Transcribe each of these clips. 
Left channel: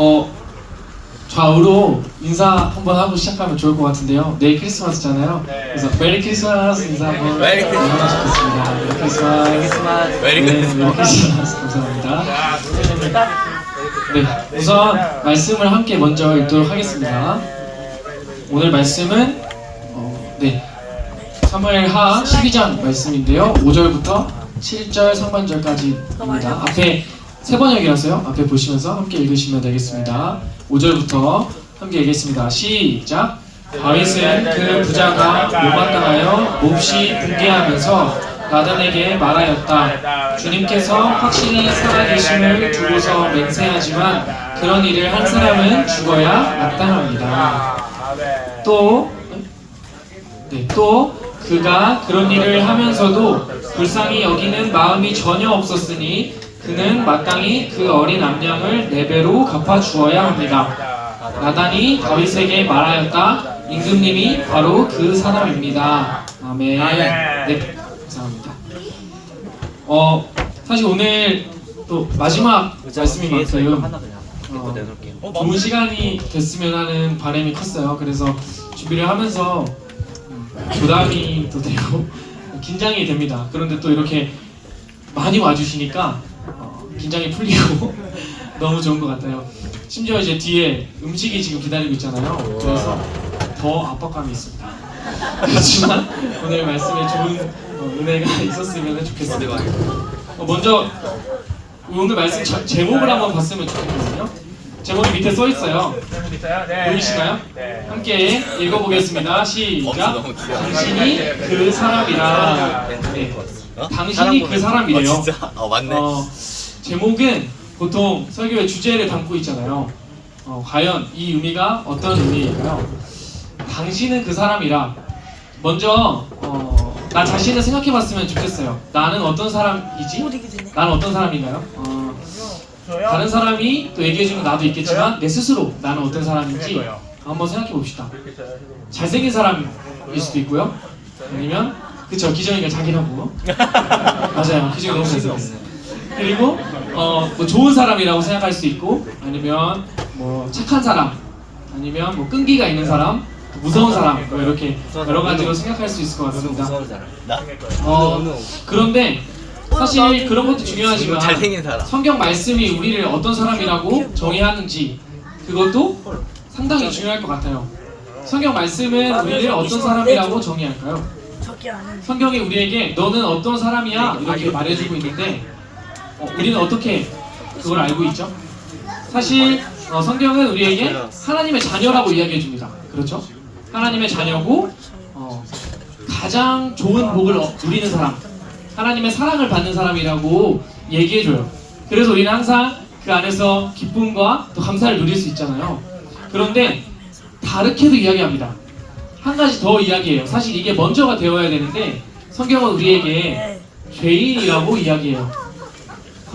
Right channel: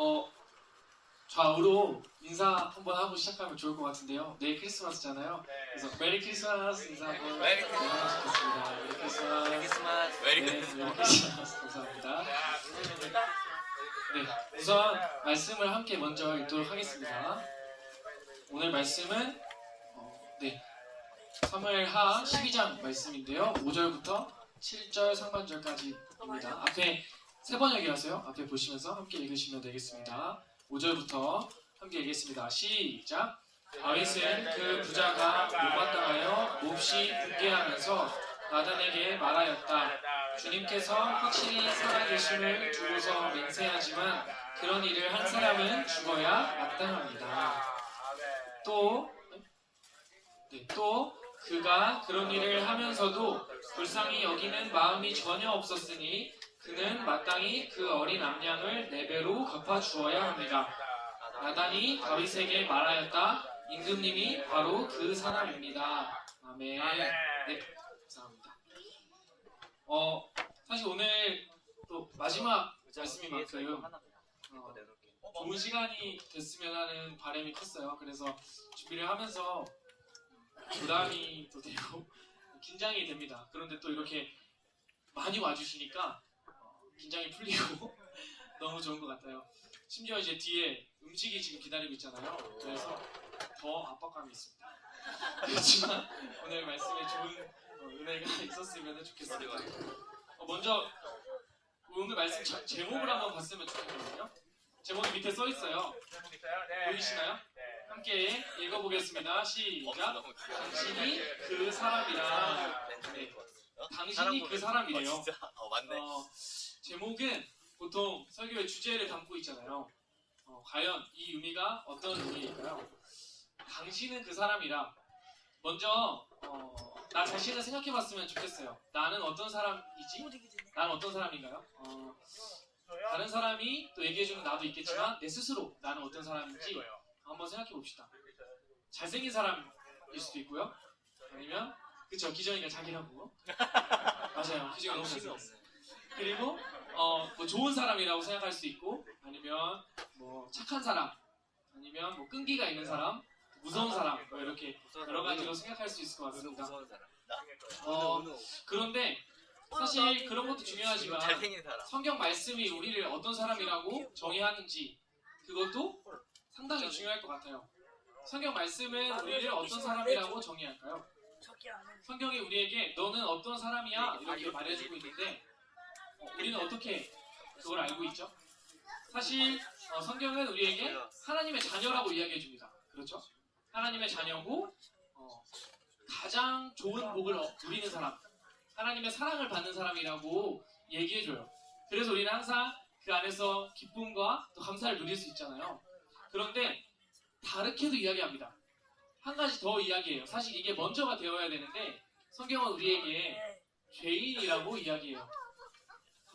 어 좌우로 인사 한번 하고 시작하면 좋을 것 같은데요. 내일 크리스마스잖아요. 그래서 메리 크리스마스 인사 한번 메리 크리스마스. 하고 싶습니다. 메리 크리스마스. 메리 네, 크리스마스. 메리 크리스마스. 감사합니다. 네, 우선 말씀을 함께 먼저 읽도록 하겠습니다. 오늘 말씀은 어, 네 사무엘하 12장 말씀인데요. 5절부터 7절 상반절까지입니다. 앞에 세 번역이라서요. 앞에 보시면서 함께 읽으시면 되겠습니다. 5절부터 함께 읽겠습니다. 시작. 다윗은 그 부자가 모방당하여 몹시 붕괴하면서 나단에게 말하였다. 주님께서 확실히 살아계심을 두고서 맹세하지만 그런 일을 한 사람은 죽어야 마땅합니다. 또, 네, 또 그가 그런 일을 하면서도 불쌍히 여기는 마음이 전혀 없었으니 그는 마땅히 그 어린 암양을 네 배로 갚아 주어야 합니다. 나단이 다윗에게 말하였다. 임금님이 바로 그 사람입니다. 아멘. 네, 감사합니다. 어, 사실 오늘 또 마지막 말씀인 만큼 어, 좋은 시간이 됐으면 하는 바람이 컸어요. 그래서 준비를 하면서 음, 부담이 또 되고 긴장이 됩니다. 그런데 또 이렇게 많이 와주시니까 어, 긴장이 풀리고 너무 좋은 것 같아요. 심지어 이제 뒤에 음식이 지금 기다리고 있잖아요. 그래서 더 압박감이 있습니다. 그렇지만 오늘 말씀에 좋은 어, 은혜가 있었으면 좋겠습니다. 어, 먼저 오늘 말씀 자- 제목을 한번 봤으면 좋겠거든요. 제목이 밑에 써 있어요. 보이시나요? 네. 함께 읽어보겠습니다. 시작. 너무 귀여워. 당신이 그 사람이라. 네. 당신이 그 사람이래요. 어, 진짜? 어 맞네. 어, 제목은 보통 설교의 주제를 담고 있잖아요. 어, 과연 이 의미가 어떤 의미일까요? 당신은 그 사람이라. 먼저 어, 나 자신을 생각해봤으면 좋겠어요. 나는 어떤 사람이지? 나는 어떤 사람인가요? 어, 다른 사람이 또 얘기해주면 나도 있겠지만 내 스스로 나는 어떤 사람인지 한번 생각해 봅시다. 잘생긴 사람일 수도 있고요. 아니면 그쵸 기정이가 자기라고 맞아요. 기정이 너무 잘생겼어요. 그리고 어, 뭐 좋은 사람이라고 생각할 수 있고 아니면 뭐 착한 사람 아니면 뭐 끈기가 있는 사람 무서운 사람 뭐 이렇게 여러 가지로 생각할 수 있을 것 같습니다. 나? 어, 그런데 사실 그런 것도 중요하지만 잘생긴 사람. 성경 말씀이 우리를 어떤 사람이라고 정의하는지 그것도 상당히 중요할 것 같아요. 성경 말씀은 우리를 어떤 사람이라고 정의할까요? 성경이 우리에게 너는 어떤 사람이야 이렇게 말해주고 있는데 어, 우리는 어떻게 그걸 알고 있죠? 사실 어, 성경은 우리에게 하나님의 자녀라고 이야기해 줍니다. 그렇죠? 하나님의 자녀고 어, 가장 좋은 복을 어- 누리는 사람, 하나님의 사랑을 받는 사람이라고 얘기해 줘요. 그래서 우리는 항상 그 안에서 기쁨과 또 감사를 누릴 수 있잖아요. 그런데 다르게도 이야기합니다. 한 가지 더 이야기해요. 사실 이게 먼저가 되어야 되는데 성경은 우리에게 죄인이라고 이야기해요.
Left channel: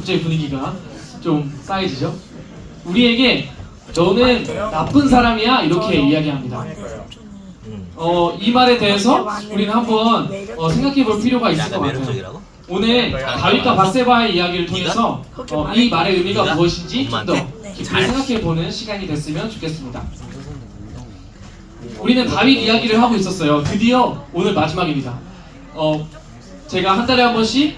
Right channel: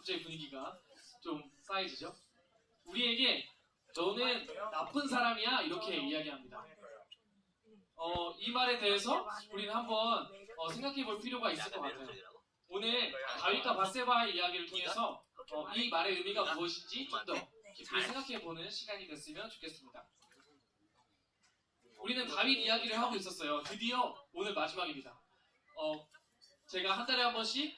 갑자기 분위기가 좀 싸해지죠? 우리에게 너는 나쁜 사람이야 이렇게 이야기합니다. 어, 이 말에 대해서 우리는 한번 어, 생각해 볼 필요가 있을 것 같아요. 오늘 다윗과 바세바의 이야기를 통해서 어, 이 말의 의미가 무엇인지 좀 더 깊이 생각해 보는 시간이 됐으면 좋겠습니다. 우리는 다윗 이야기를 하고 있었어요. 드디어 오늘 마지막입니다. 어, 제가 한 달에 한 번씩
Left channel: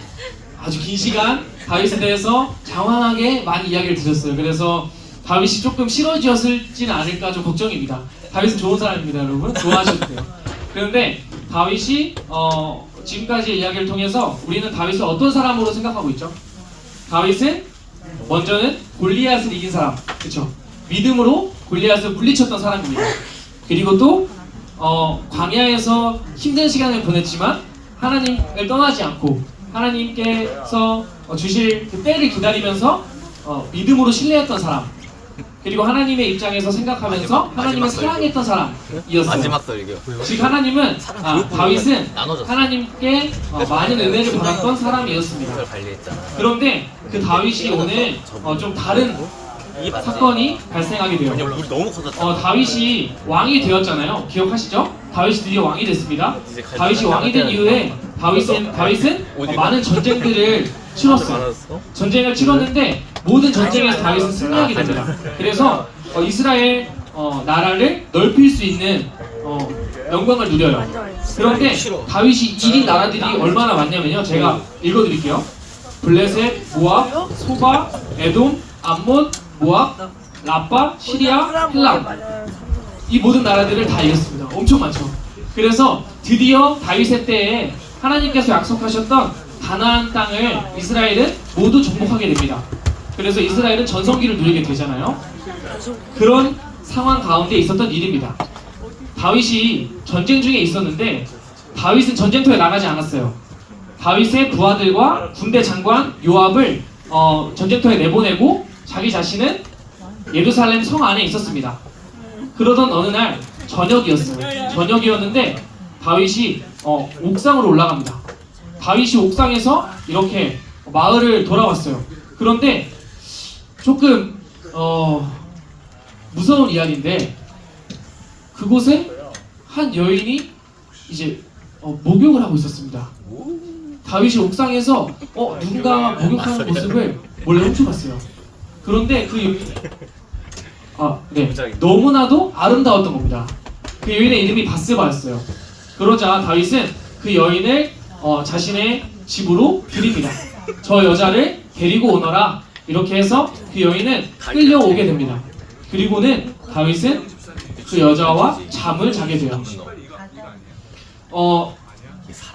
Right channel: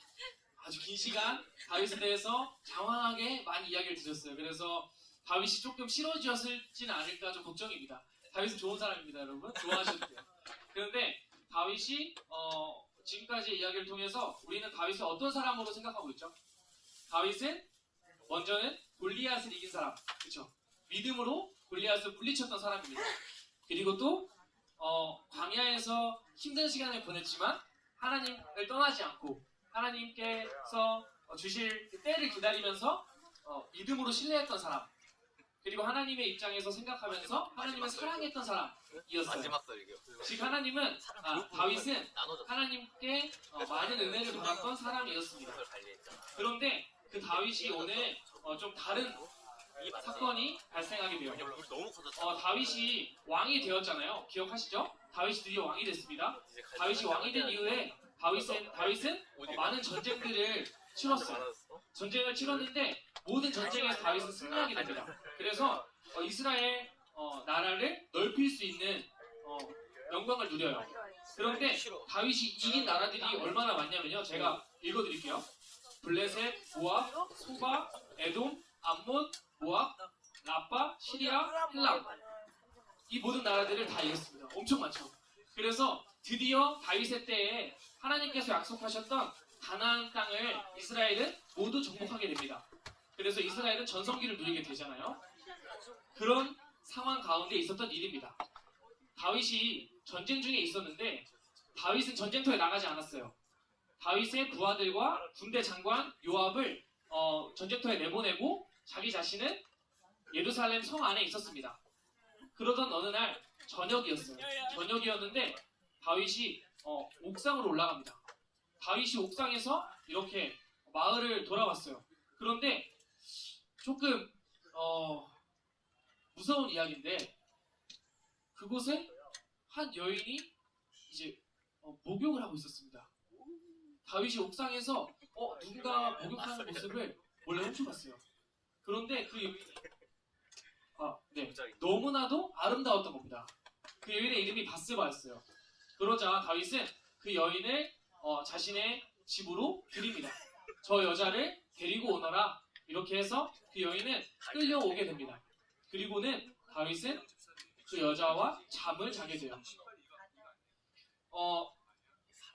아주 긴 시간 다윗에 대해서 장황하게 많이 이야기를 드렸어요. 그래서 다윗이 조금 싫어지었을지는 않을까 좀 걱정입니다. 다윗은 좋은 사람입니다, 여러분. 좋아하셔도 돼요. 그런데 다윗이 어, 지금까지의 이야기를 통해서 우리는 다윗을 어떤 사람으로 생각하고 있죠? 다윗은 먼저는 골리앗을 이긴 사람, 그렇죠? 믿음으로 골리앗을 물리쳤던 사람입니다. 그리고 또 어, 광야에서 힘든 시간을 보냈지만 하나님을 떠나지 않고 하나님께서 어, 주실 그 때를 기다리면서 어, 믿음으로 신뢰했던 사람. 그리고 하나님의 입장에서 생각하면서 마지막 하나님을 설교. 사랑했던 사람이었어요. 마지막 설교. 즉 하나님은 아, 다윗은 나눠졌어. 하나님께 어, 많은 은혜를 받았던 사람이었습니다. 이걸 관리했잖아. 그런데 그 다윗이 오늘 어, 좀 다른 사건이 발생하게 돼요. 우리 너무 커졌다. 어, 다윗이 왕이 되었잖아요. 기억하시죠? 다윗이 드디어 왕이 됐습니다. 다윗이 왕이 된 이후에 다윗은 다윗은 어, 많은 전쟁들을 치렀어요. 전쟁을 치렀는데 모든 전쟁에서 다윗은 승리하게 됩니다. 그래서 어, 이스라엘 어, 나라를 넓힐 수 있는 어, 영광을 누려요. 그런데 다윗이 이긴 나라들이 얼마나 많냐면요. 제가 읽어드릴게요. 블레셋, 모압, 소바, 에돔, 암몬, 모압, 라빠, 시리아, 힐람 이 모든 나라들을 다 이겼습니다. 엄청 많죠. 그래서 드디어 다윗의 때에 하나님께서 약속하셨던 가나안 땅을 이스라엘은 모두 정복하게 됩니다. 그래서 이스라엘은 전성기를 누리게 되잖아요. 그런 상황 가운데 있었던 일입니다. 다윗이 전쟁 중에 있었는데 다윗은 전쟁터에 나가지 않았어요. 다윗의 부하들과 군대 장관 요압을 어, 전쟁터에 내보내고 자기 자신은 예루살렘 성 안에 있었습니다. 그러던 어느 날 저녁이었어요. 저녁이었는데 다윗이 어, 옥상으로 올라갑니다. 다윗이 옥상에서 이렇게 마을을 돌아왔어요. 그런데 조금 어, 무서운 이야기인데 그곳에 한 여인이 이제 어, 목욕을 하고 있었습니다. 다윗이 옥상에서 어, 누군가 목욕하는 모습을 몰래 훔쳐봤어요. 그런데 그 아, 네. 너무나도 아름다웠던 겁니다. 그 여인의 이름이 바스바였어요. 그러자 다윗은 그 여인을 어, 자신의 집으로 들입니다. 저 여자를 데리고 오너라. 이렇게 해서 그 여인은 끌려오게 됩니다. 그리고는 다윗은 그 여자와 잠을 자게 돼요. 어,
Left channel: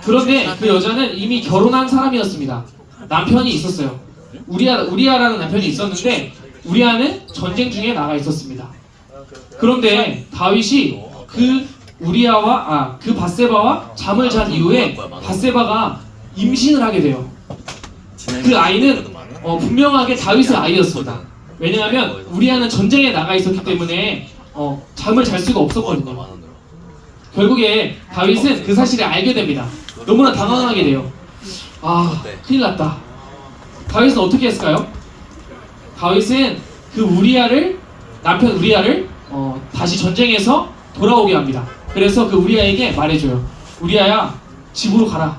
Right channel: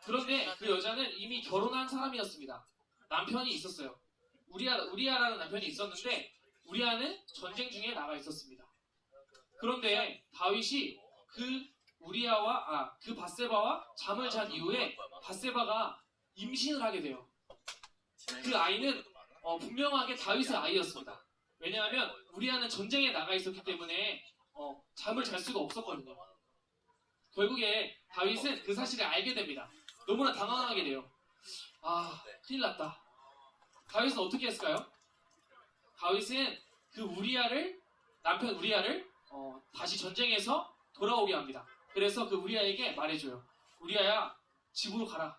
그런데 그 여자는 이미 결혼한 사람이었습니다. 남편이 있었어요. 우리아, 우리아라는 남편이 있었는데 우리아는 전쟁 중에 나가 있었습니다. 그런데 다윗이 그 우리아와 아 그 바세바와 잠을 잔 이후에 바세바가 임신을 하게 돼요. 그 아이는 어, 분명하게 다윗의 아이였습니다. 왜냐하면 우리아는 전쟁에 나가 있었기 때문에 어, 잠을 잘 수가 없었거든요. 결국에 다윗은 그 사실을 알게 됩니다. 너무나 당황하게 돼요. 아, 큰일 났다. 다윗은 어떻게 했을까요? 다윗은 그 우리아를 남편 우리아를 어, 다시 전쟁에서 돌아오게 합니다. 그래서 그 우리아에게 말해줘요. 우리아야 집으로 가라.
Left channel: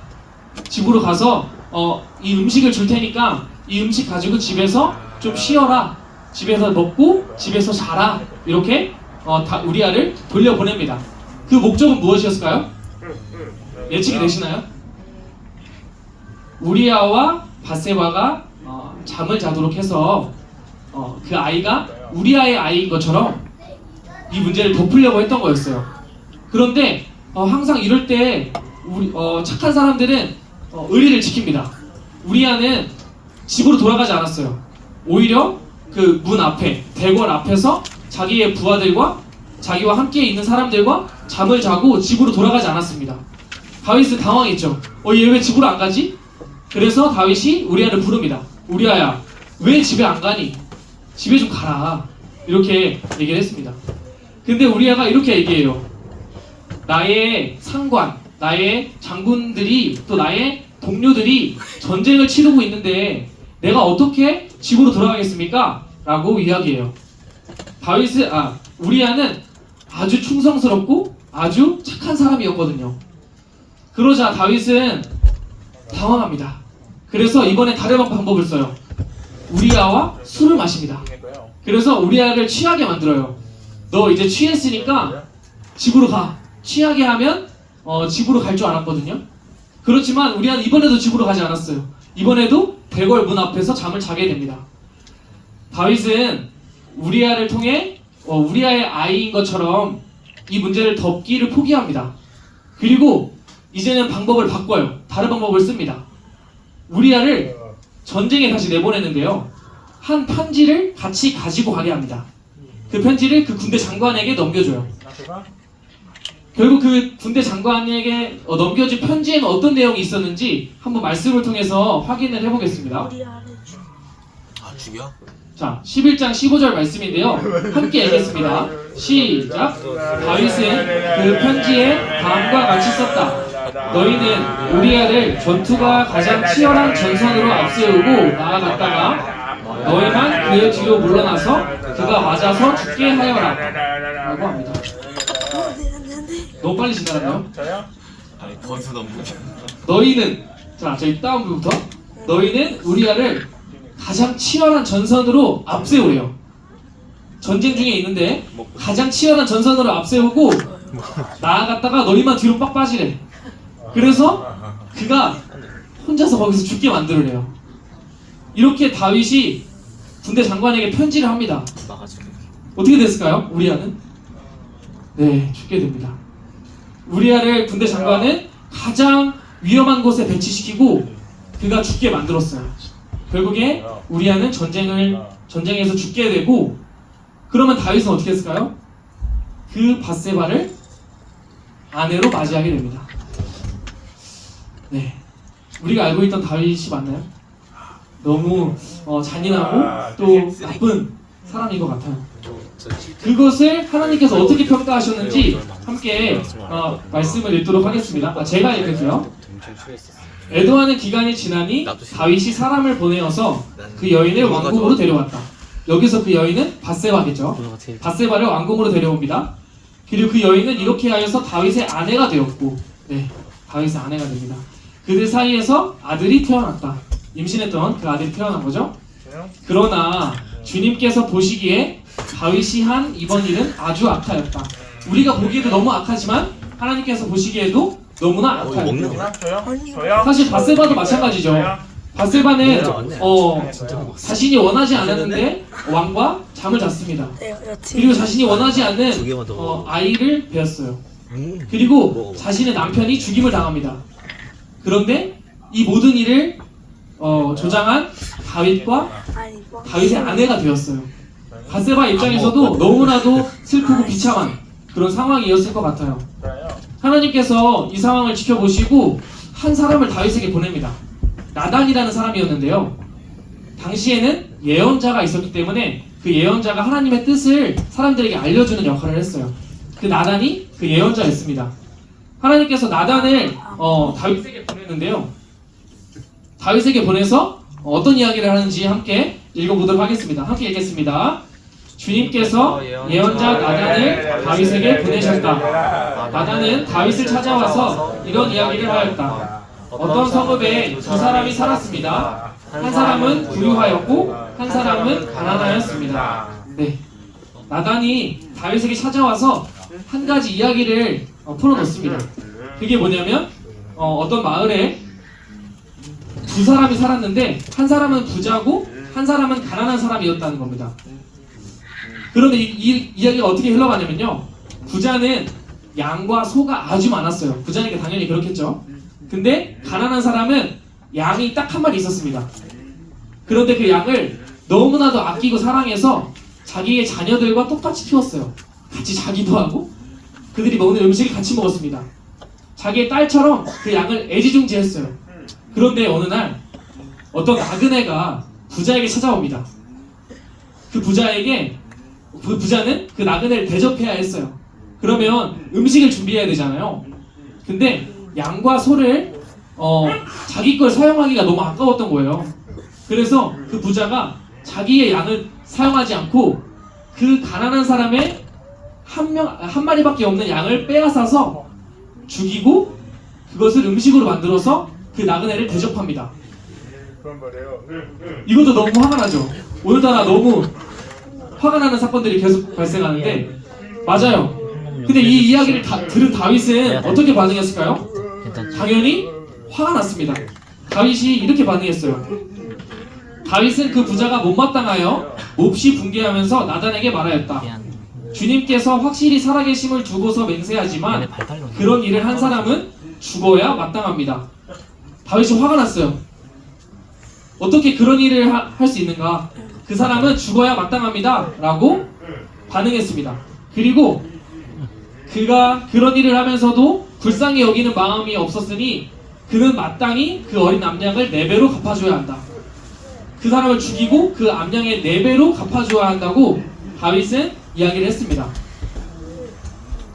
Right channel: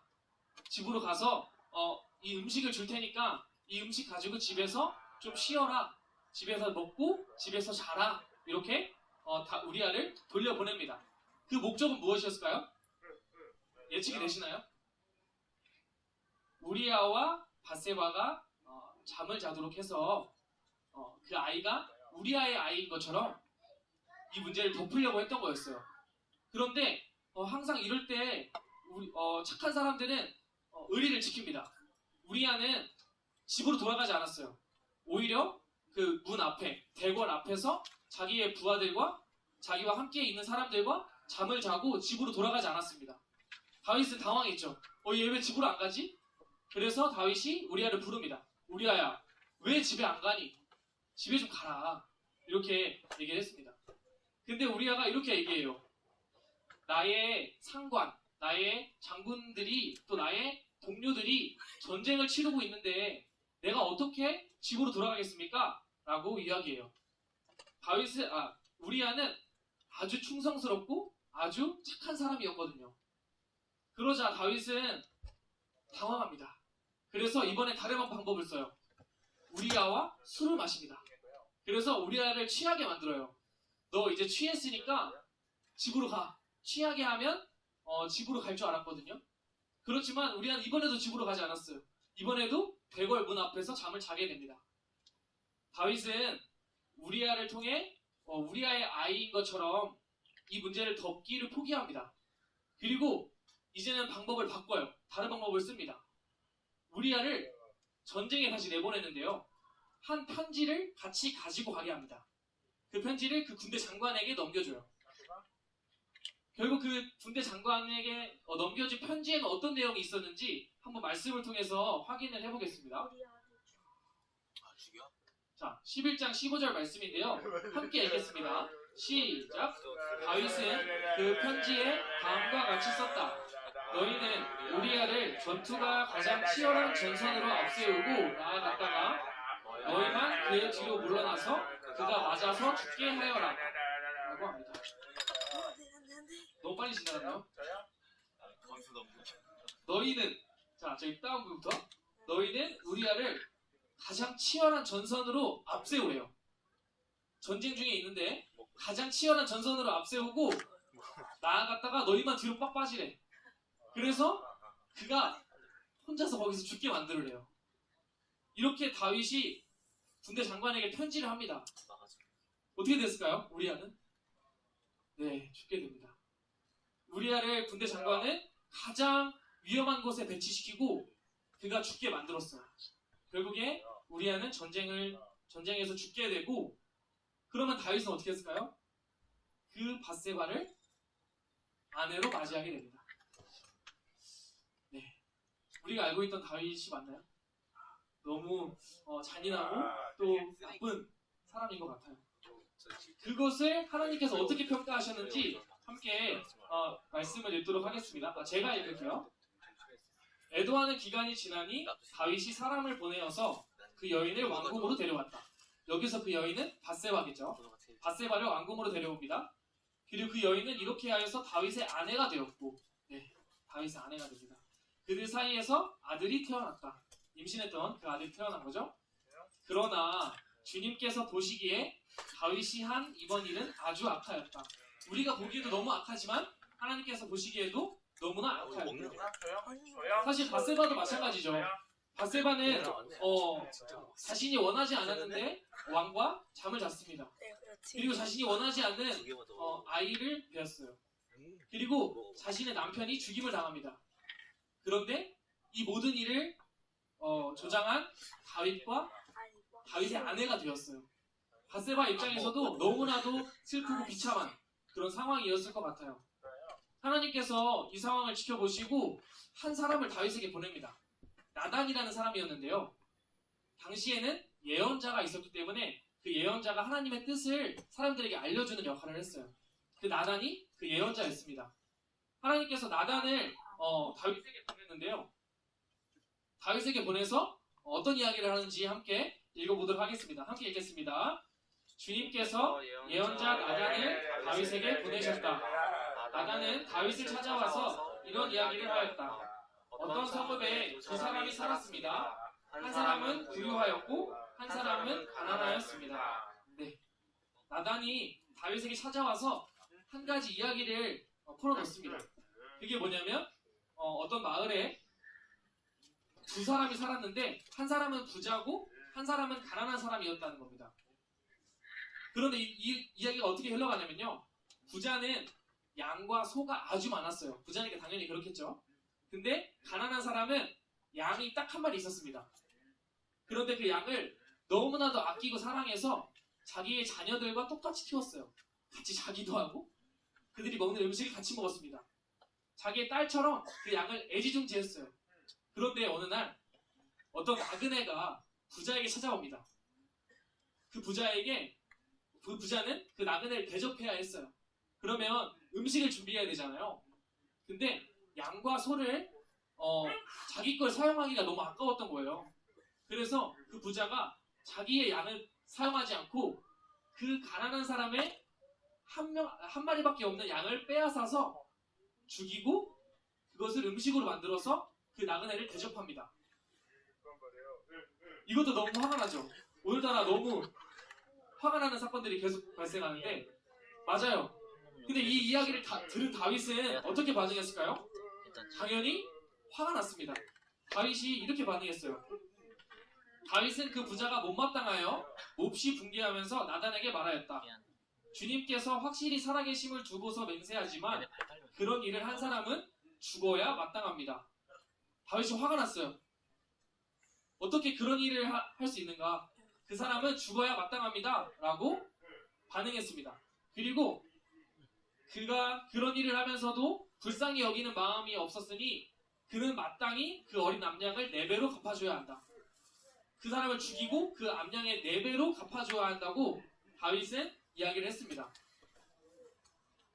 집으로 가서 어, 이 음식을 줄 테니까 이 음식 가지고 집에서 좀 쉬어라. 집에서 먹고 집에서 자라. 이렇게 어, 다 우리아를 돌려보냅니다. 그 목적은 무엇이었을까요? 예측이 되시나요? 우리아와 바세바가 어, 잠을 자도록 해서 어, 그 아이가 우리아의 아이인 것처럼 이 문제를 덮으려고 했던 거였어요. 그런데 어, 항상 이럴 때 우리 어, 착한 사람들은 어, 의리를 지킵니다. 우리아는 집으로 돌아가지 않았어요. 오히려 그 문 앞에 대궐 앞에서 자기의 부하들과 자기와 함께 있는 사람들과 잠을 자고 집으로 돌아가지 않았습니다. 다윗은 당황했죠. 어, 얘 왜 집으로 안 가지? 그래서 다윗이 우리아를 부릅니다. 우리아야, 왜 집에 안 가니? 집에 좀 가라. 이렇게 얘기를 했습니다. 근데 우리아가 이렇게 얘기해요. 나의 상관, 나의 장군들이 또 나의 동료들이 전쟁을 치르고 있는데 내가 어떻게 집으로 돌아가겠습니까? 라고 이야기해요. 다윗은 아 우리아는 아주 충성스럽고 아주 착한 사람이었거든요. 그러자 다윗은 당황합니다. 그래서 이번에 다른 방법을 써요. 우리아와 술을 마십니다. 그래서 우리아를 취하게 만들어요. 너 이제 취했으니까 집으로 가. 취하게 하면 어, 집으로 갈 줄 알았거든요. 그렇지만 우리아는 이번에도 집으로 가지 않았어요. 이번에도 대궐 문 앞에서 잠을 자게 됩니다. 다윗은 우리아를 통해 어, 우리아의 아이인 것처럼 이 문제를 덮기를 포기합니다. 그리고 이제는 방법을 바꿔요. 다른 방법을 씁니다. 우리아를 전쟁에 다시 내보내는데요. 한 편지를 같이 가지고 가게 합니다. 그 편지를 그 군대 장관에게 넘겨줘요. 결국 그 군대 장관에게 어, 넘겨진 편지에는 어떤 내용이 있었는지 한번 말씀을 통해서 확인을 해보겠습니다. 아 죽여? 자, 11장 15절 말씀인데요. 함께 읽겠습니다. 시작. 다윗은 그 편지에 다음과 같이 썼다. 너희는 우리아를 전투가 가장 치열한 전선으로 앞세우고 나아갔다가 너희만 그의 뒤로 물러나서 그가 맞아서 죽게 하여라. 라고 합니다. 너무 빨리 지나갔나요? 저요? 아니 건수 너무 너희는 자, 저희 다음 부부터 너희는 우리아를 가장 치열한 전선으로 앞세우래요. 전쟁 중에 있는데 가장 치열한 전선으로 앞세우고 나아갔다가 너희만 뒤로 빡 빠지래. 그래서 그가 혼자서 거기서 죽게 만들으래요. 이렇게 다윗이 군대 장관에게 편지를 합니다. 어떻게 됐을까요? 우리아는? 네, 죽게 됩니다. 우리아를 군대 장관은 가장 위험한 곳에 배치시키고 그가 죽게 만들었어요. 결국에 우리아는 전쟁을 전쟁에서 죽게 되고 그러면 다윗은 어떻게 했을까요? 그 바세바를 아내로 맞이하게 됩니다. 네, 우리가 알고 있던 다윗이 맞나요? 너무 어, 잔인하고 또 나쁜 사람인 것 같아요. 그것을 하나님께서 어떻게 평가하셨는지 함께 어, 말씀을 읽도록 하겠습니다. 아, 제가 읽을게요. 에도하는 기간이 지나니 다윗이 사람을 보내어서 그 여인을 왕궁으로 데려왔다. 여기서 그 여인은 바세바겠죠. 바세바를 왕궁으로 데려옵니다. 그리고 그 여인은 이렇게 하여서 다윗의 아내가 되었고, 네, 다윗의 아내가 됩니다. 그들 사이에서 아들이 태어났다. 임신했던 그 아들이 태어난 거죠. 그러나 주님께서 보시기에 다윗이 한 이번 일은 아주 악하였다. 우리가 보기에도 너무 악하지만 하나님께서 보시기에도 너무나 어, 악하였다. 거야? 저요? 저요? 사실 바세바도 마찬가지죠. 바세바는. 어, 먹었어. 자신이 원하지 않았는데 왕과 잠을 잤습니다. 네, 여친. 그리고 자신이 원하지 두 않는 개만 더. 어, 아이를 배웠어요. 음. 그리고. 자신의 남편이 죽임을 당합니다. 그런데 이 모든 일을 어, 조장한 다윗과 아니, 뭐. 다윗의 아내가 되었어요. 바세바 입장에서도 너무나도 슬프고 비참한 그런 상황이었을 것 같아요. 하나님께서 이 상황을 지켜보시고 한 사람을 다윗에게 보냅니다. 나단이라는 사람이었는데요. 당시에는 예언자가 있었기 때문에 그 예언자가 하나님의 뜻을 사람들에게 알려주는 역할을 했어요. 그 나단이 그 예언자였습니다. 하나님께서 나단을 어, 다윗에게 보냈는데요. 다윗에게 보내서 어떤 이야기를 하는지 함께 읽어보도록 하겠습니다. 함께 읽겠습니다. 주님께서 예언자 나단을 다윗에게 보내셨다. 나단은 다윗을 찾아와서 이런 이야기를 하였다. 어떤 성읍에 두 사람이 살았습니다. 한 사람은 부유하였고 한 사람은 가난하였습니다. 네. 나단이 다윗에게 찾아와서 한 가지 이야기를 어, 풀어놓습니다. 그게 뭐냐면 어, 떤 마을에 두 사람이 살았는데 한 사람은 부자고 한 사람은 가난한 사람이었다는 겁니다. 그런데 이, 이 이야기가 어떻게 흘러가냐면요. 부자는 양과 소가 아주 많았어요. 부자니까 당연히 그렇겠죠. 근데 가난한 사람은 양이 딱 한 마리 있었습니다. 그런데 그 양을 너무나도 아끼고 사랑해서 자기의 자녀들과 똑같이 키웠어요. 같이 자기도 하고 그들이 먹는 음식을 같이 먹었습니다. 자기의 딸처럼 그 양을 애지중지했어요. 그런데 어느 날 어떤 나그네가 부자에게 찾아옵니다. 그 부자에게 그 부자는 그 나그네를 대접해야 했어요. 그러면 음식을 준비해야 되잖아요. 근데 양과 소를 어, 자기 걸 사용하기가 너무 아까웠던 거예요. 그래서 그 부자가 자기의 양을 사용하지 않고 그 가난한 사람의 한 명, 한 마리밖에 없는 양을 빼앗아서 죽이고 그것을 음식으로 만들어서 그 나그네를 대접합니다. 이것도 너무 화가 나죠. 오늘따라 너무 화가 나는 사건들이 계속 발생하는데 맞아요. 근데 이 이야기를 다, 들은 다윗은 어떻게 반응했을까요? 당연히 화가 났습니다. 다윗이 이렇게 반응했어요. 다윗은 그 부자가 못마땅하여 몹시 붕괴하면서 나단에게 말하였다. 주님께서 확실히 살아계심을 두고서 맹세하지만 그런 일을 한 사람은 죽어야 마땅합니다. 다윗이 화가 났어요. 어떻게 그런 일을 할 수 있는가? 그 사람은 죽어야 마땅합니다. 라고 반응했습니다. 그리고 그가 그런 일을 하면서도 불쌍히 여기는 마음이 없었으니 그는 마땅히 그 어린 암양을 네 배로 갚아줘야 한다. 그 사람을 죽이고 그 암양의 네 배로 갚아줘야 한다고 다윗은 이야기를 했습니다.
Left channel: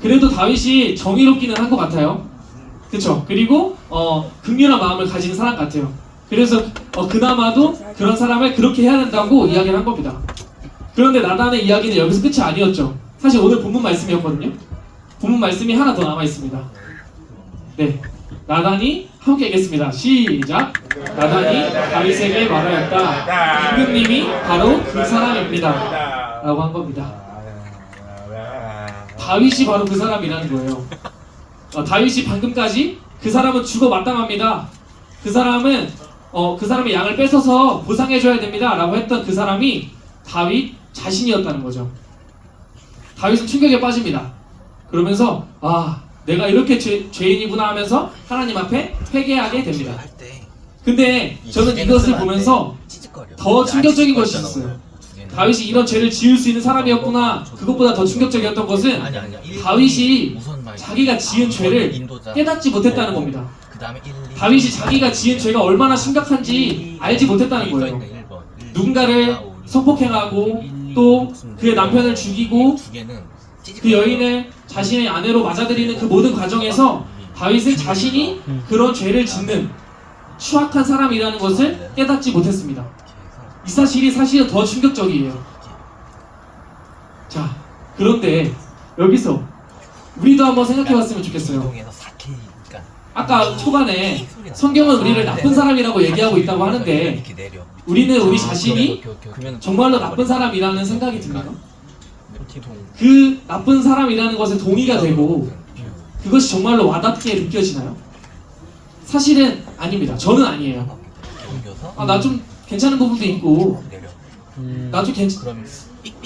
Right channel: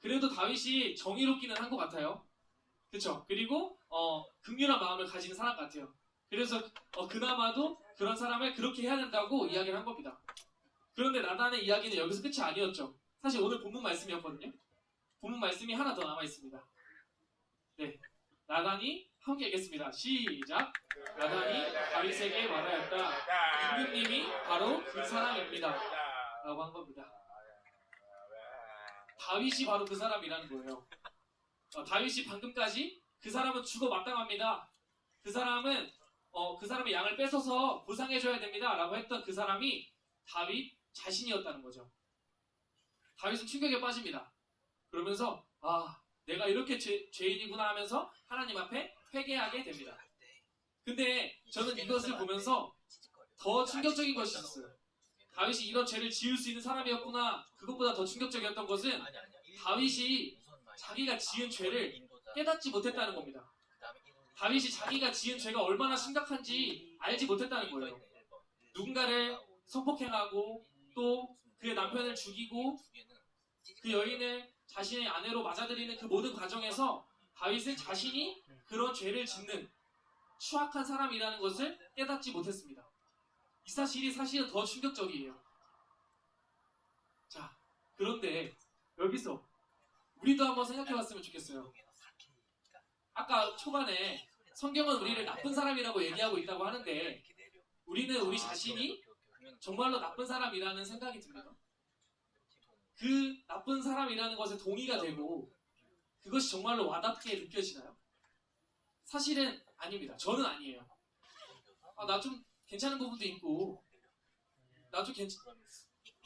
그래도 다윗이 정의롭기는 한 것 같아요. 그쵸? 그리고 어, 극렬한 마음을 가진 사람 같아요. 그래서 어, 그나마도 그런 사람을 그렇게 해야 된다고 이야기를 한 겁니다. 그런데 나단의 이야기는 여기서 끝이 아니었죠. 사실 오늘 본문 말씀이었거든요. 본문 말씀이 하나 더 남아 있습니다. 네. 나단이 함께 읽겠습니다. 시작. 나단이 다윗에게 말하였다. 임금님이 바로 그 사람입니다. 라고 한 겁니다. 다윗이 바로 그 사람이라는 거예요. 어, 다윗이 방금까지 그 사람은 죽어 마땅합니다. 그 사람은 어, 그 사람의 양을 뺏어서 보상해줘야 됩니다.라고 했던 그 사람이 다윗 자신이었다는 거죠. 다윗은 충격에 빠집니다. 그러면서 아 내가 이렇게 죄, 죄인이구나 하면서 하나님 앞에 회개하게 됩니다. 근데 저는 이것을 보면서 더 충격적인 것이 있어요. 다윗이 이런 죄를 지을 수 있는 사람이었구나. 그것보다 더 충격적이었던 것은. 다윗이 자기가 지은 죄를 깨닫지 못했다는 겁니다. 그다음에 1, 2, 다윗이 자기가 지은 죄가 얼마나 심각한지 알지 못했다는 거예요. 누군가를 성폭행하고 또 그의 남편을 죽이고 두 개는 그 여인을 자신의 아내로 맞아들이는 그 모든 과정에서 다윗은 자신이 그런 죄를 짓는 추악한 사람이라는 것을 깨닫지 못했습니다. 이 사실이 사실은 더 충격적이에요. 자, 그런데 여기서 우리도 한번 생각해 봤으면 좋겠어요. 이동에서 4K니까 아까 초반에 성경은 우리를 나쁜 사람이라고 얘기하고 있다고 하는데. 우리는 우리 자신이 정말로 나쁜 사람이라는 생각이? 기동. 그 나쁜 사람이라는 것에 동의가 되고 그것이 정말로 와닿게 느껴지나요? 사실은 아닙니다. 저는 아니에요. 아, 나 좀 괜찮은 부분도 있고 내려. 나좀 괜찮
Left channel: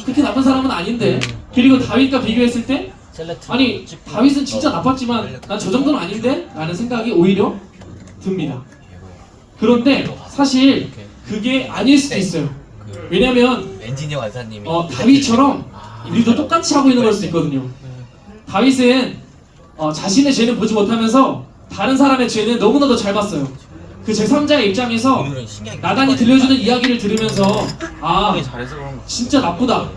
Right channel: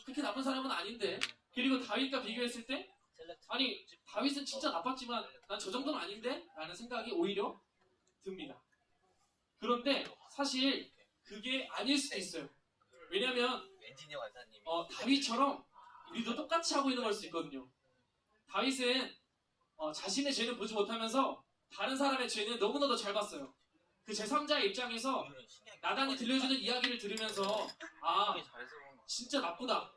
그렇게 나쁜 사람은 아닌데 그리고 다윗과 비교했을 때 아니 다윗은 진짜 나빴지만 난 저 정도는 아닌데 라는 생각이 오히려 듭니다. 그런데 사실 그게 아닐 수도 있어요. 그 왜냐면 엔지니어 간사님이 어, 다윗처럼 우리도 똑같이 하고 있는 걸 수도 있거든요. 다윗은 어, 자신의 죄는 보지 못하면서 다른 사람의 죄는 너무나도 잘 봤어요. 그 제3자의 입장에서 나단이 들려주는 이야기를 들으면서 아. 진짜 나쁘다.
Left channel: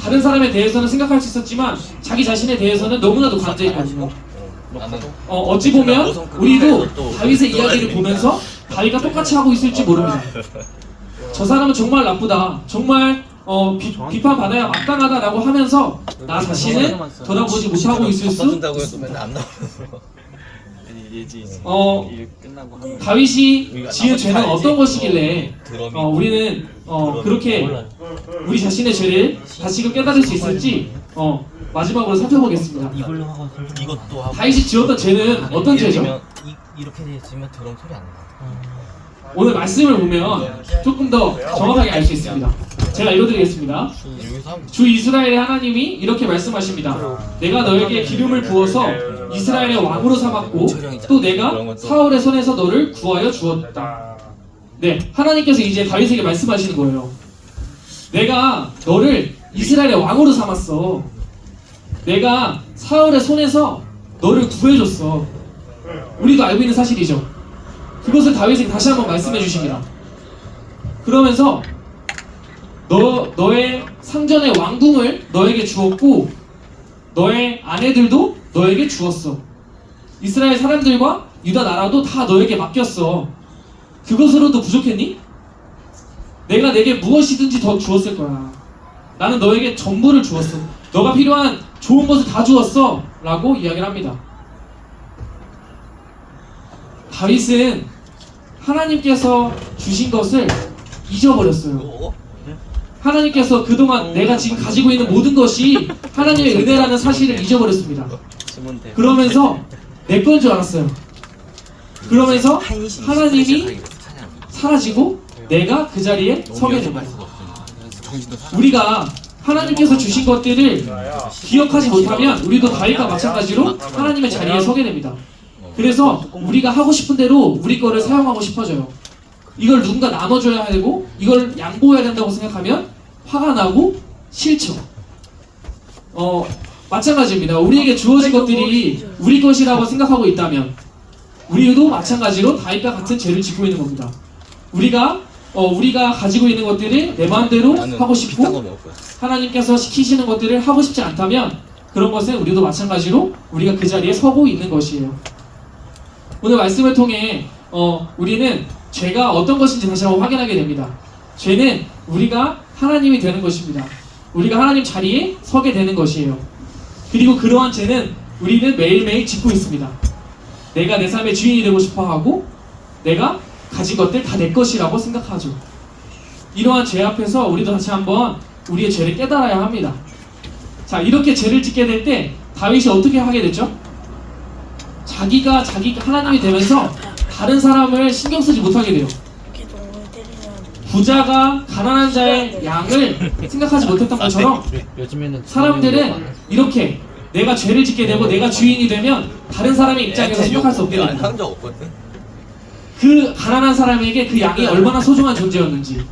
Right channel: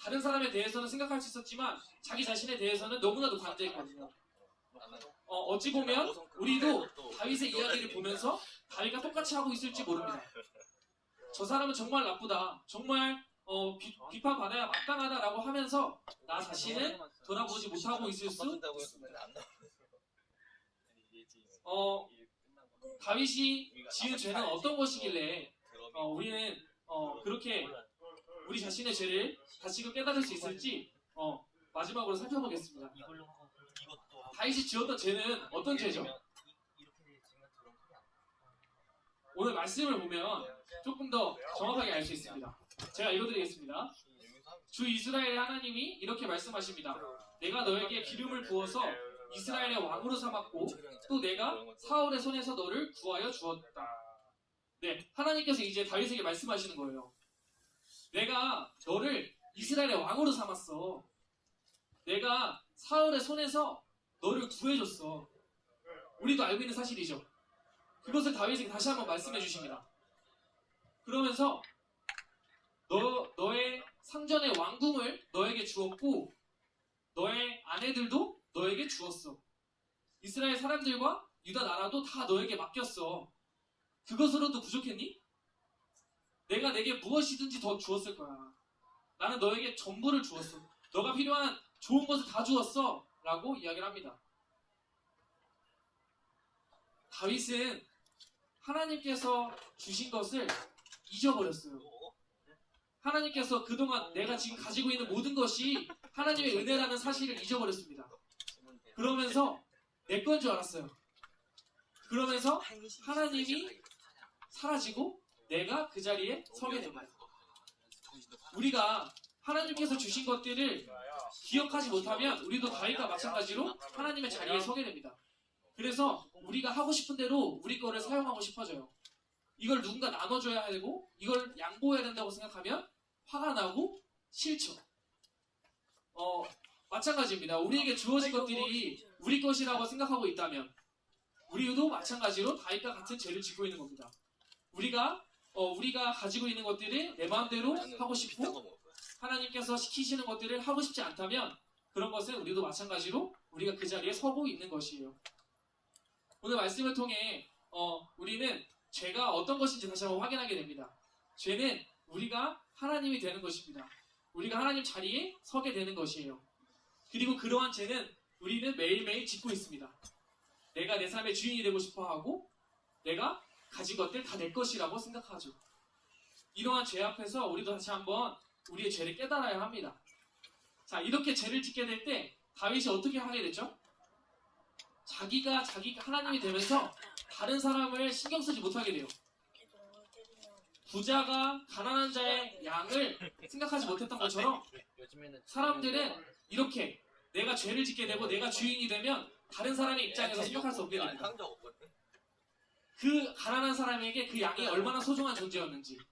다른 사람에 대해서는 생각할 수 있었지만 자기 자신에 대해서는 너무나도 관대했거든요. 나는 어, 어찌 보면 우리도 다윗의 이야기를 보면서 다윗과 똑같이 하고 있을지 모릅니다. 저 사람은 정말 나쁘다. 정말 어, 비, 비판받아야 마땅하다라고 하면서 나 자신을 돌아보지 못하고 있을 수 있습니다. 어, 일 끝나고 하면. 다윗이 지은 죄는 어떤 것이길래 드럼이 어, 우리는 어, 그렇게 우리 자신의 죄를 다시금 깨달을 수 있을지 어, 마지막으로 살펴보겠습니다. 이걸로 하고 이것도 하고 다윗이 지었던 죄는 어떤 예를 죄죠? 들면 이, 이렇게 되면 드럼 소리 안 나. 오늘 말씀을 보면 조금 더 정확하게 알 수 있습니다. 제가 읽어드리겠습니다. 주 이스라엘의 하나님이 이렇게 말씀하십니다. 내가 너에게 기름을 부어서 이스라엘의 왕으로 삼았고 또 내가 사울의 손에서 너를 구하여 주었다. 네, 하나님께서 이제 다윗에게 말씀하시는 거예요. 내가 너를 이스라엘의 왕으로 삼았어. 내가 사울의 손에서 너를 구해줬어. 우리도 알고 있는 사실이죠. 그것을 다윗에게 다시 한번 말씀해 주십니다. 그러면서 너 너의 상전의 왕궁을 너에게 주었고 너의 아내들도 너에게 주었어. 이스라엘 사람들과 유다 나라도 다 너에게 맡겼어. 그것으로도 부족했니? 내가 내게 무엇이든지 더 주었을 거야. 나는 너에게 전부를 주었어. 너가 필요한 좋은 것을 다 주었어. 라고 이야기를 합니다. 다윗은 하나님께서 주신 것을 잊어버렸어요. 또 하나님께서 그동안 내가 지금 가지고 있는 모든 것이 하나님의 은혜라는 사실을 잊어버렸습니다. 그러면서 내 건 줄 알았어요. 그러면서 하나님이. 사라지고 내가 그 자리에 서게 됩니다. 우리가 하나님께서 주신 것들을 기억하지 못하면 우리도 다윗과 마찬가지로 하나님의 자리에 서게 됩니다. 그래서 우리가 하고 싶은 대로 우리 거를 사용하고 싶어져요. 이걸 누군가 나눠줘야 되고 이걸 양보해야 된다고 생각하면 화가 나고 싫죠. 어 마찬가지입니다. 우리에게 주어진 것들이 우리 것이라고 생각하고 있다면 우리도 마찬가지로 다윗과 같은 죄를 짓고 있는 겁니다. 우리가 어, 우리가 가지고 있는 것들을 내 마음대로 하고 싶고. 하나님께서 시키시는 것들을 하고 싶지 않다면 그런 것은 우리도 마찬가지로 우리가 그 자리에 서고 있는 것이에요. 오늘 말씀을 통해 어, 우리는 죄가 어떤 것인지 다시 한번 확인하게 됩니다. 죄는 우리가 하나님이 되는 것입니다. 우리가 하나님 자리에 서게 되는 것이에요. 그리고 그러한 죄는 우리는 매일매일 짓고 있습니다. 내가 내 삶의 주인이 되고 싶어 하고 내가 가진 것들 다 내 것이라고 생각하죠. 이러한 죄 앞에서 우리도 다시 한번 우리의 죄를 깨달아야 합니다. 자, 이렇게 죄를 짓게 될 때 다윗이 어떻게 하게 되죠? 자기가 자기가 하나님이 되면서 다른 사람을 신경 쓰지 못하게 돼요. 부자가 가난한 자의 양을 생각하지 못했던 것처럼 사람들은 이렇게 내가 죄를 짓게 되고 내가 주인이 되면 다른 사람의 입장에서 생각할 수 없게 됩니다. 그 가난한 사람에게 그 양이 얼마나 소중한 존재였는지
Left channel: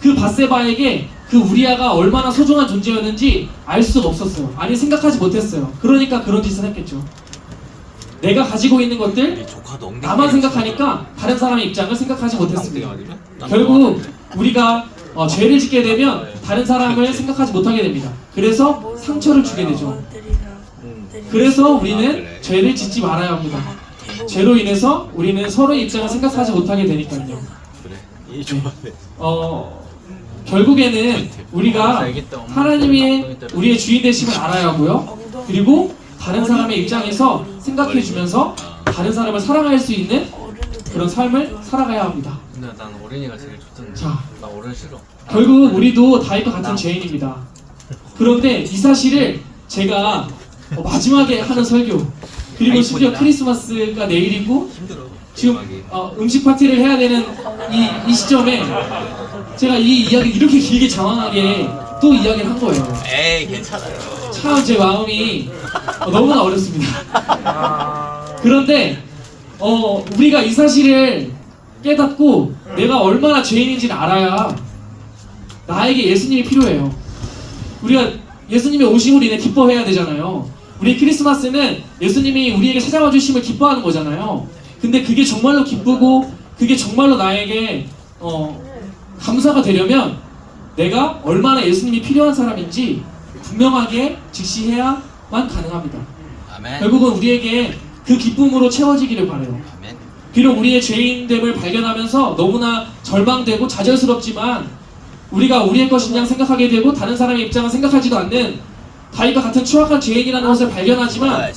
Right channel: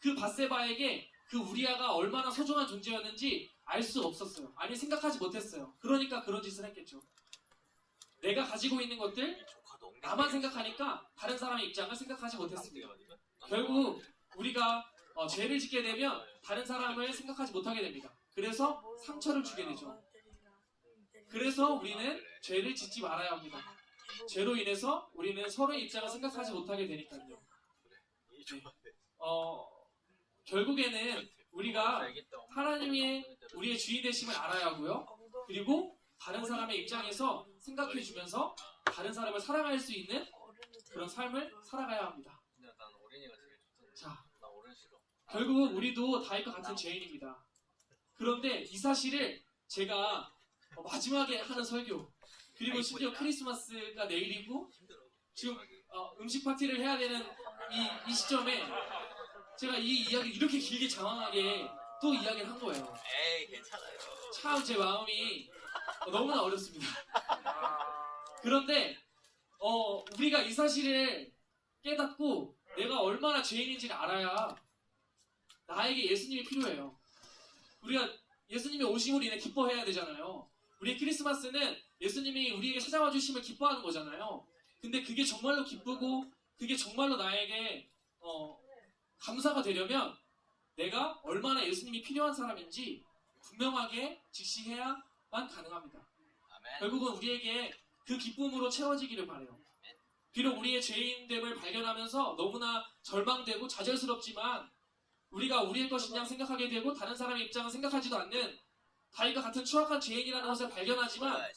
그 바세바에게 그 우리아가 얼마나 소중한 존재였는지 알 수가 없었어요. 아니 생각하지 못했어요. 그러니까 그런 짓을 했겠죠. 내가 가지고 있는 것들. 나만 생각하니까 다른 사람의 입장을 생각하지 못했습니다. 결국 우리가 어, 죄를 짓게 되면 다른 사람을 생각하지 못하게 됩니다. 그래서 상처를 주게 되죠. 그래서 우리는 죄를 짓지 말아야 합니다. 죄로 인해서 우리는 서로의 입장을 생각하지 못하게 되니까요. 어, 결국에는 우리가 하나님이 우리의 주인 되심을 알아야 하고요. 그리고 다른 사람의 입장에서 생각해 주면서 다른 사람을 사랑할 수 있는 그런 삶을 살아가야 합니다. 근데 난 어린이가 제일 좋던데. 자. 나 어른 싫어. 결국 우리도 다윗과 같은 죄인입니다. 그런데 이 사실을 제가 어, 마지막에 하는 설교 그리고 심지어 크리스마스가 내일이고 힘들어. 지금 어, 음식 파티를 해야 되는 이, 이 시점에 제가 이 이야기 이렇게 길게 장황하게 또 이야기를 한 거예요. 에이 괜찮아요. 참 제 마음이 어, 너무나 어렵습니다. 그런데 어, 우리가 이 사실을 깨닫고 내가 얼마나 죄인인지를 알아야 나에게 예수님이 필요해요. 우리가 예수님의 오심으로 인해 기뻐해야 되잖아요. 우리 크리스마스는 예수님이 우리에게 찾아와 주심을 기뻐하는 거잖아요. 근데 그게 정말로 기쁘고 그게 정말로 나에게 어, 감사가 되려면 내가 얼마나 예수님이 필요한 사람인지 분명하게 직시해야 만 가능합니다. 아멘. 결국은 우리에게 그 기쁨으로 채워지기를 바래요. 아멘. 비록 우리의 죄인됨을 발견하면서 너무나 절망되고 좌절스럽지만 우리가 우리의 것인 양 생각하게 되고 다른 사람의 입장을 생각하지도 않는 다윗과 같은 추악한 죄인이라는 것을 발견하지만.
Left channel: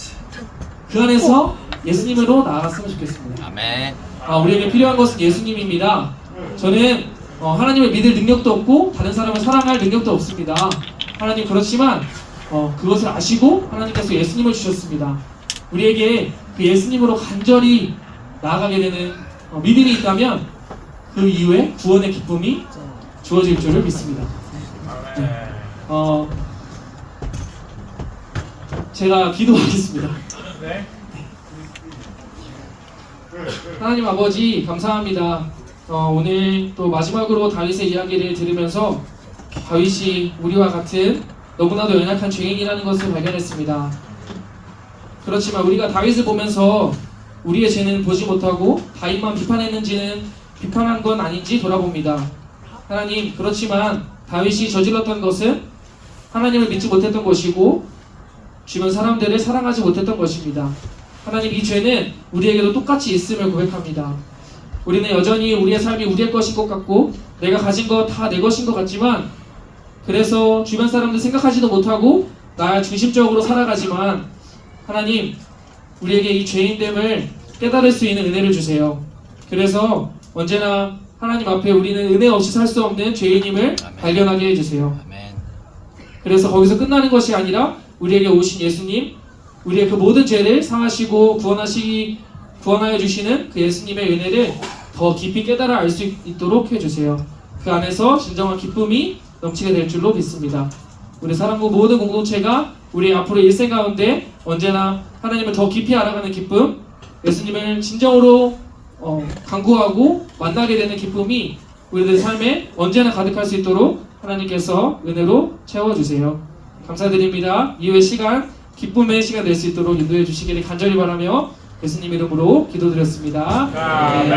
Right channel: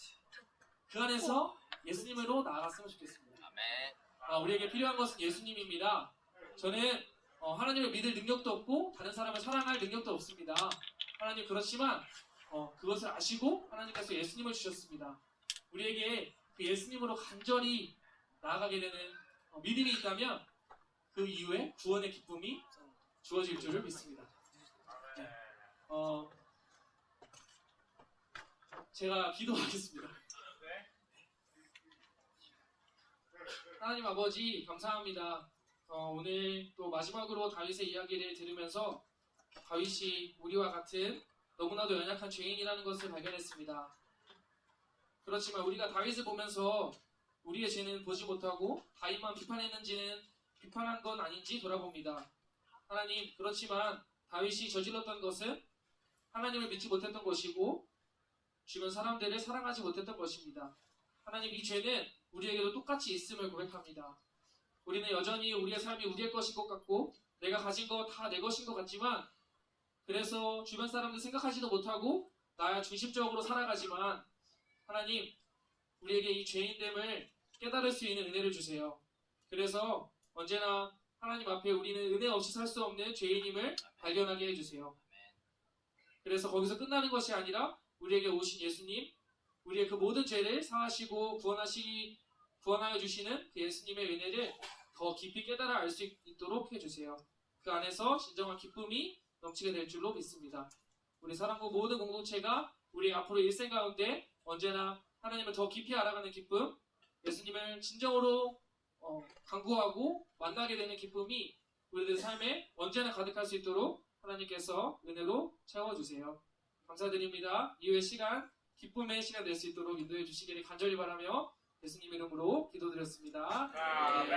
그 안에서 예수님으로 나아갔으면 좋겠습니다. 아멘. 아, 우리에게 필요한 것은 예수님입니다. 저는 어, 하나님을 믿을 능력도 없고 다른 사람을 사랑할 능력도 없습니다. 하나님 그렇지만 어, 그것을 아시고 하나님께서 예수님을 주셨습니다. 우리에게 그 예수님으로 간절히 나아가게 되는 어, 믿음이 있다면 그 이후에 구원의 기쁨이 주어질 줄을 믿습니다. 네. 어, 제가 기도하겠습니다. 하나님 아버지 감사합니다. 어, 오늘 또 마지막으로 다윗의 이야기를 들으면서 다윗이 우리와 같은 너무나도 연약한 죄인이라는 것을 발견했습니다. 그렇지만 우리가 다윗을 보면서 우리의 죄는 보지 못하고 다윗만 비판했는지는 비판한 건 아닌지 돌아봅니다. 하나님 그렇지만 다윗이 저질렀던 것은 하나님을 믿지 못했던 것이고 주변 사람들을 사랑하지 못했던 것입니다. 하나님 이 죄는 우리에게도 똑같이 있음을 고백합니다. 우리는 여전히 우리의 삶이 우리의 것인 것 같고 내가 가진 것 다 내 것인 것 같지만 그래서 주변 사람들 생각하지도 못하고 나 중심적으로 살아가지만 하나님 우리에게 이 죄인됨을 깨달을 수 있는 은혜를 주세요. 그래서 언제나 하나님 앞에 우리는 은혜 없이 살 수 없는 죄인임을 발견하게 해주세요. 아멘. 그래서 거기서 끝나는 것이 아니라 우리에게 오신 예수님, 우리의 그 모든 죄를 상하시고 구원하시기 구원하여 주시는 그 예수님의 은혜를 더 깊이 깨달아 알 수 있도록 해주세요. 그 안에서 진정한 기쁨이 넘치게 될 줄로 믿습니다. 우리 사랑부 모든 공동체가 우리 앞으로 일생 가운데 언제나 하나님을 더 깊이 알아가는 기쁨, 예수님을 진정으로 어, 강구하고 만나게 되는 기쁨이 우리들 삶에 언제나 가득할 수 있도록 하나님께서 은혜로 채워주세요. 감사드립니다. 이후의 시간 기쁨의 시간 될 수 있도록 인도해 주시기를 간절히 바라며 예수님 이름으로 기도드렸습니다. 네.